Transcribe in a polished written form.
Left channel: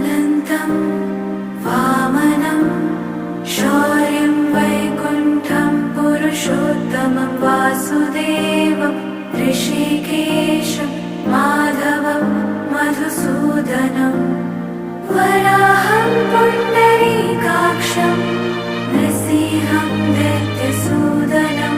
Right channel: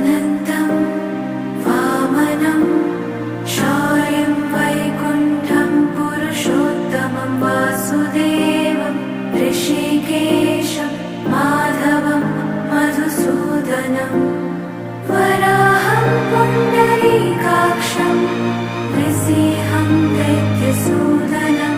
अनन्तं वामनं शौर्यं वैकुण्ठं पुरुषोत्तमं वासुदेवं ऋषिकेशं माधवं मधुसूदनं वराहं पुण्डरीकाक्षं नृसिंहं दैत्यसूदनं